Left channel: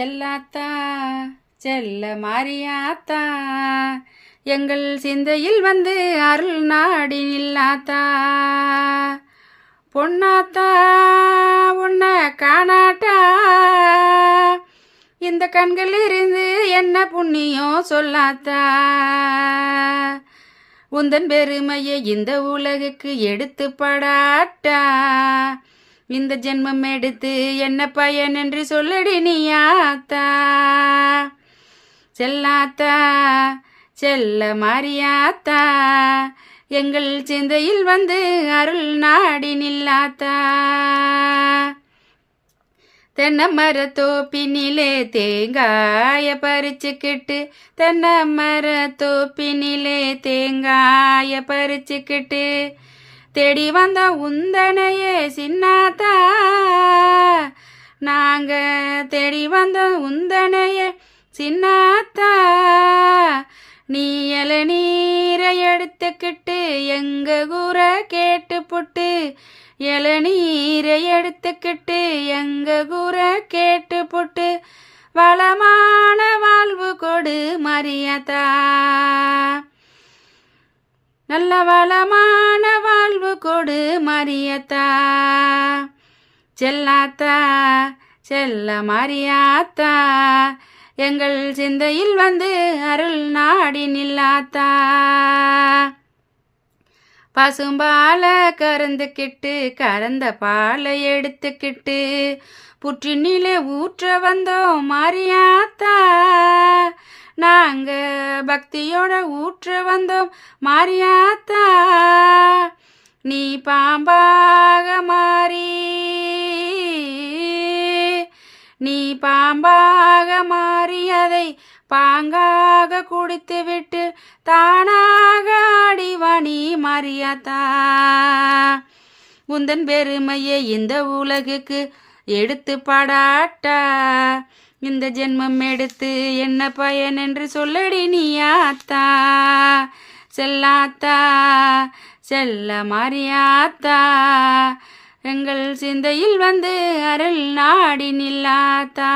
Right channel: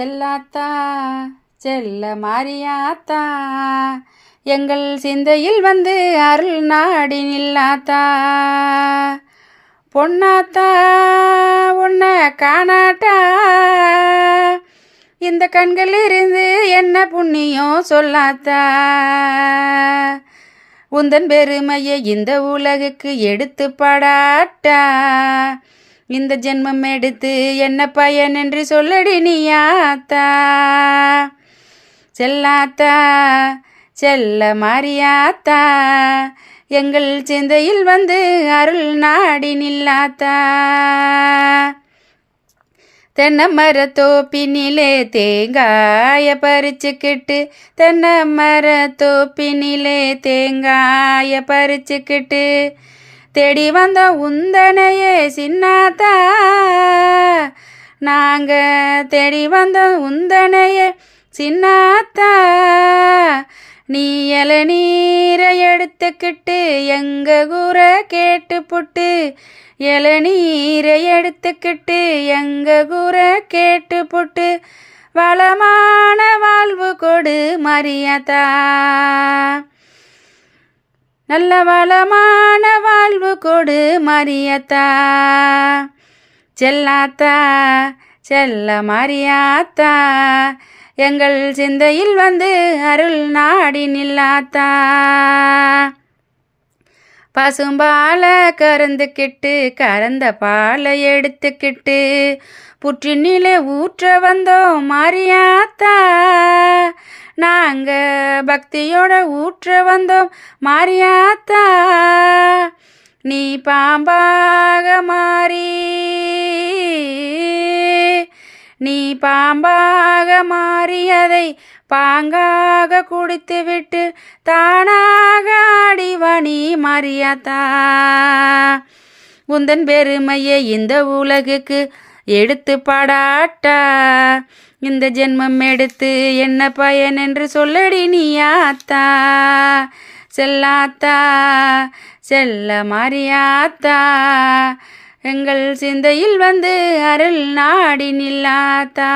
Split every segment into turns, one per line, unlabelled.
செல்லாத்தா செல்ல மாறியாத்தா. எங்கள் சிந்தையில் வந்து அருள் நாடி நில்லாத்தா. பொன்னாத்தா உன்னை காணாட்டா இந்த கண்கள் இருந்து என்ன புண்ணியம் சொல்லாத்தா. உந்தன் பெருமையை இந்த உலகுக்கு எடுத்து படாட்டா இந்த ஜென்மம் எடுத்து என்ன பயன் என்று சொல்லடி நீயாத்தா செல்லாத்தா செல்ல மாறியாத்தா. எங்கள் சிந்தையில் வந்து அருள் நாடி நில்லாத்தா. தென்னமர தோப்பினிலே தேங்காய பறிச்சுக்கிட்டு தென்னை தோப்பினிலே தேங்காய பறிச்சுக்கிட்டு தேடி வந்த உந்தனையே சின்னாத்தா. நாங்க தேடி வந்த உந்தனையே சின்னாத்தா. நீ இளநீரை எடுத்துக்கிட்டு எங்க கூற கேட்டு புட்டு. இளநீரை எடுத்துக்கிட்டு எங்க கூற கேட்டு புட்டு. வளமான வாழ்வு கொடு மரியாதா. நல்ல வளமான வாழ்வு கொடு மரியத்தா. செல்லாத்தா செல்ல மரியாத்தா. எங்கள் சிந்தையில் வந்து அருள் நாடி நில்லாத்தா. பசும்பாலை கறந்துக்கிட்டு கறந்த பாலை எடுத்துக்கிட்டு புற்றினிலே ஊற்ற வந்தோம் மாரியாத்தா. நாங்க பக்தியோட ஊற்ற வந்தோம் மாரியாத்தா. நீ பாம்பாக மாறி நீ பாம்பாக மாறியதை பாங்காக குடித்துவிட்டு தானாக ஆடிவணி மரியாதா உந்தன் பெருமையை இந்த உலகுக்கு எடுத்து பாடாட்டா. இந்த ஜென்மம் எடுத்து என்ன பயன் என்று சொல்லடி நீ ஆத்தா. செல்லாத்தா செல்ல மாறியாத்தா. எங்கள் சிந்தையில் வந்து அருள் நாடி நில்லாத்தா.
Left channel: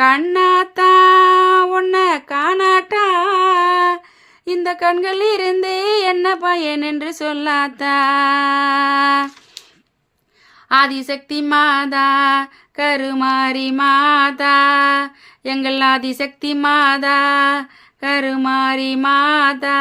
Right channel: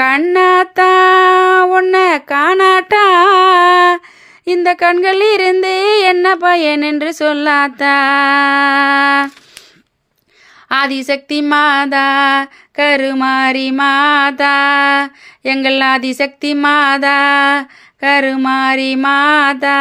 கண்ணாத்தா உன்னை காணாட்டா. இந்த கண்கள் இருந்து என்ன பயன் என்று சொல்லாத்தா. ஆதிசக்தி மாதா கருமாரி மாதா. எங்கள் ஆதிசக்தி மாதா கருமாரி மாதா.